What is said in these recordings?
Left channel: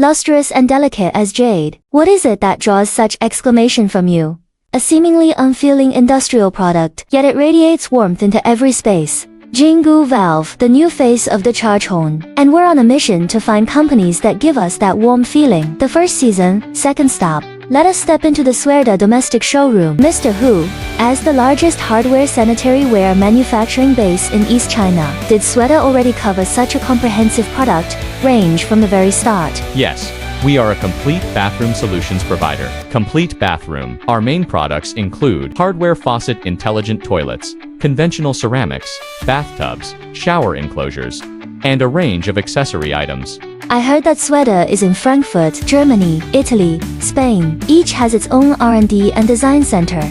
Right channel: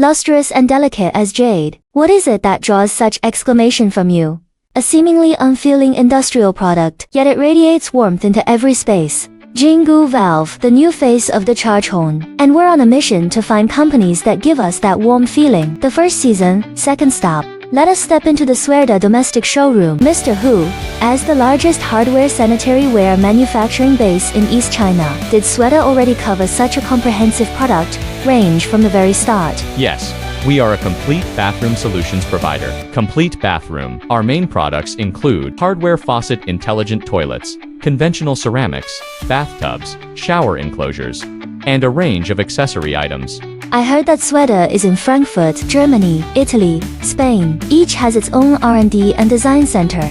lustrous and delicate as jade. What is it that draws such exclamation from you? A seemingly unfeeling industrial product, yet it radiates warmth into every space. Jingyu Valve, the new face of the charge horn. And we're on a mission to find companies that give us that warm feeling. The first season, second stop. Let us step into the Suerda domestic showroom. Mr. Hu, as the largest hardware sanitary ware manufacturing base in East China, did Suerda already cover such a comprehensive product range from the very start? Yes. We are a complete bathroom solutions provider. Complete bathroom. Our main products include hardware faucet intelligent toilets, conventional ceramics, bathtubs, shower enclosures, and a range of accessory items. I heard that Suerda is in Frankfurt, Germany, Italy, Spain. Each has its own R&D and design center.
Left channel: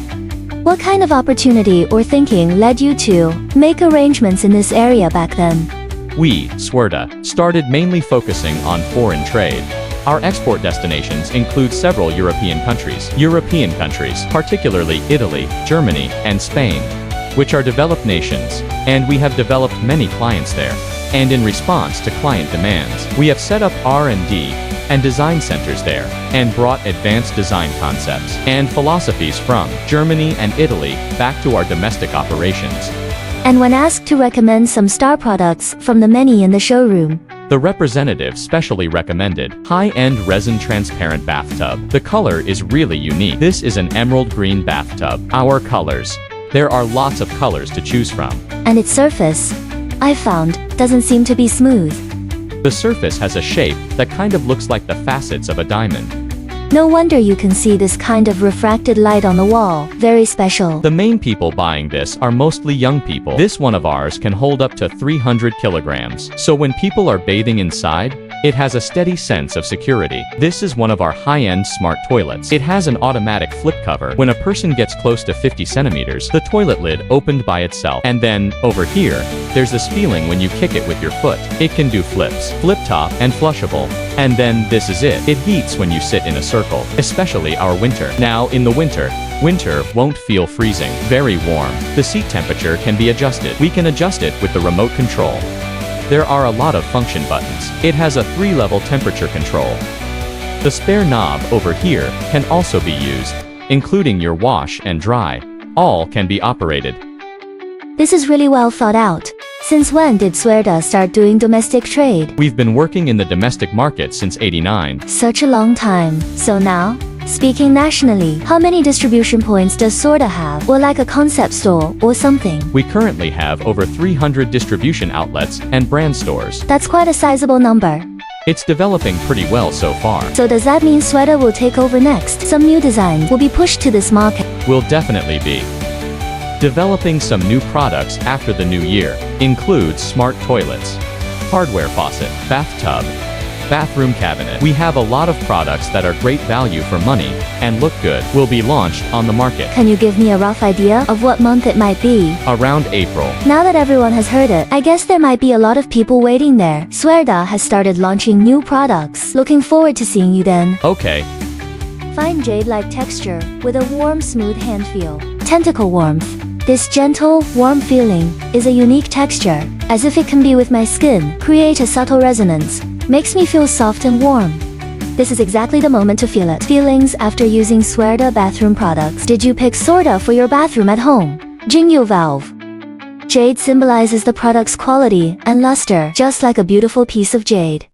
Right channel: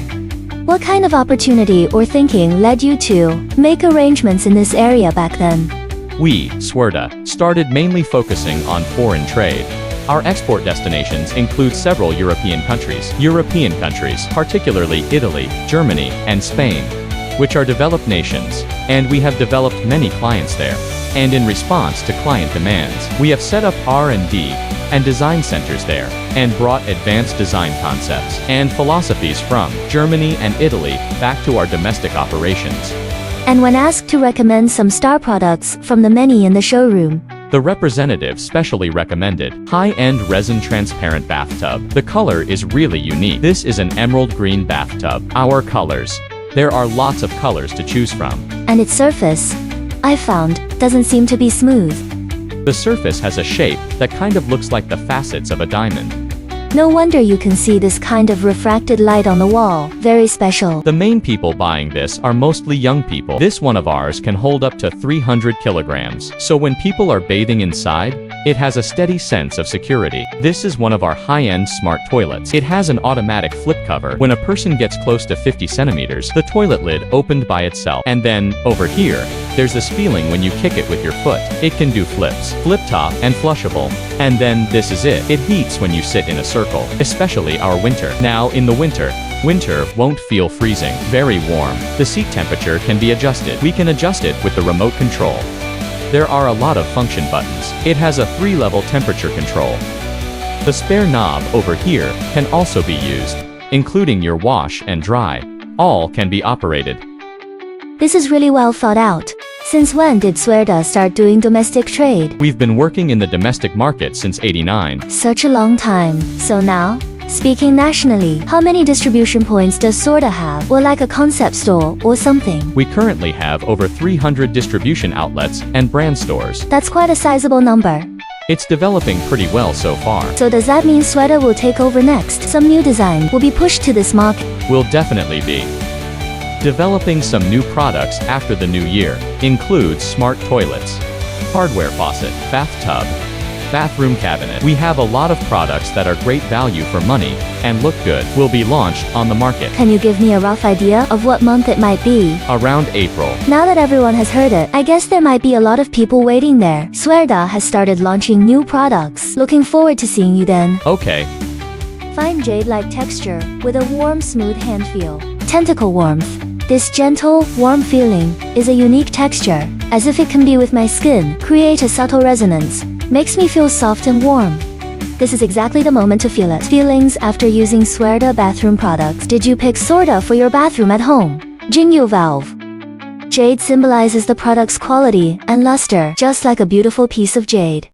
What kind of opportunity or thinking led you to make arrangements in this area back then? We, Suerda, started mainly focusing on foreign trade. Our export destinations include several European countries, particularly Italy, Germany, and Spain, which are developed nations, and we have developed many clients there. And in response to client demands, we have set up R&D and design centers there, and brought advanced design concepts and philosophies from Germany and Italy back to our domestic operations. And when asked to recommend some star products from the many in the showroom, the representative specially recommended high-end resin transparent bathtub. The color is really unique. This is an emerald green bathtub. Our colors. There are lots of colors to choose from. And its surface, I found, doesn't seem to be smooth. The surface has a shape that kind of looks like the facets of a diamond. No wonder you can see this kind of refracted light on the wall. Very special. The main people buying this are mostly young people. This one of ours can hold up to 300 kilograms. So when people are bathing inside, it has a steady sense of security. This is one of our high-end smart toilets. It has an automatic flip cover. When a person gets close to 50 centimeters, the toilet lid opened by itself. And then, over here, there's this feeling when you kick it with your foot. It can do flips, flip top, and flushable. And then, this is it. It heats when you sit in a circle, especially our winter. Now, in the winter won't feel freezing. Very warm. The seat temperature can be adjusted. We can adjust it with the remote control. There are a lot of function buttons. It has a 3-level temperature control. The spare knob over here can also be used, including your wash and dry. All can be operated. This is really well thought out. Since when did Suerda start doing domestic trade? We've been working in the domestic market since '89. Such a long time. So now, speaking nationally, how many distribution points does Suerda have? Or like a concept store or something? We currently have over 300 distribution outlets and brand stores. That's quite a sizable number. It's developing pretty well so far. So does that mean Suerda will take over next? Some new design will be pushed to this market? Will definitely be. Developing some new products after the new year includes smart toilets, hardware faucet, bathtub, bathroom cabinet. We have a lot of products that are great value for money and look good. Will be launched on the market. Can you give me a rough idea of what month it might be? Around April. Now that everyone has heard it, I guess there might be a lot of people waiting there. Suerda has started launching new products. Looking forward to seeing you then. Okay. Fine jade-like texture with a warm, smooth hand feel. Tentacle warmth. This gentle, warm feeling is a unique texture, as if it can be with my skin, create a subtle resonance, makes me feel soft and warm. This is exactly the moment to feel it. Feelings after using Suerda bathroom products. Did you pick Suerda for your bathroom at home? Jingyu Valve. Jade symbolizes the product's quality and luster, just like a beautiful piece of jade.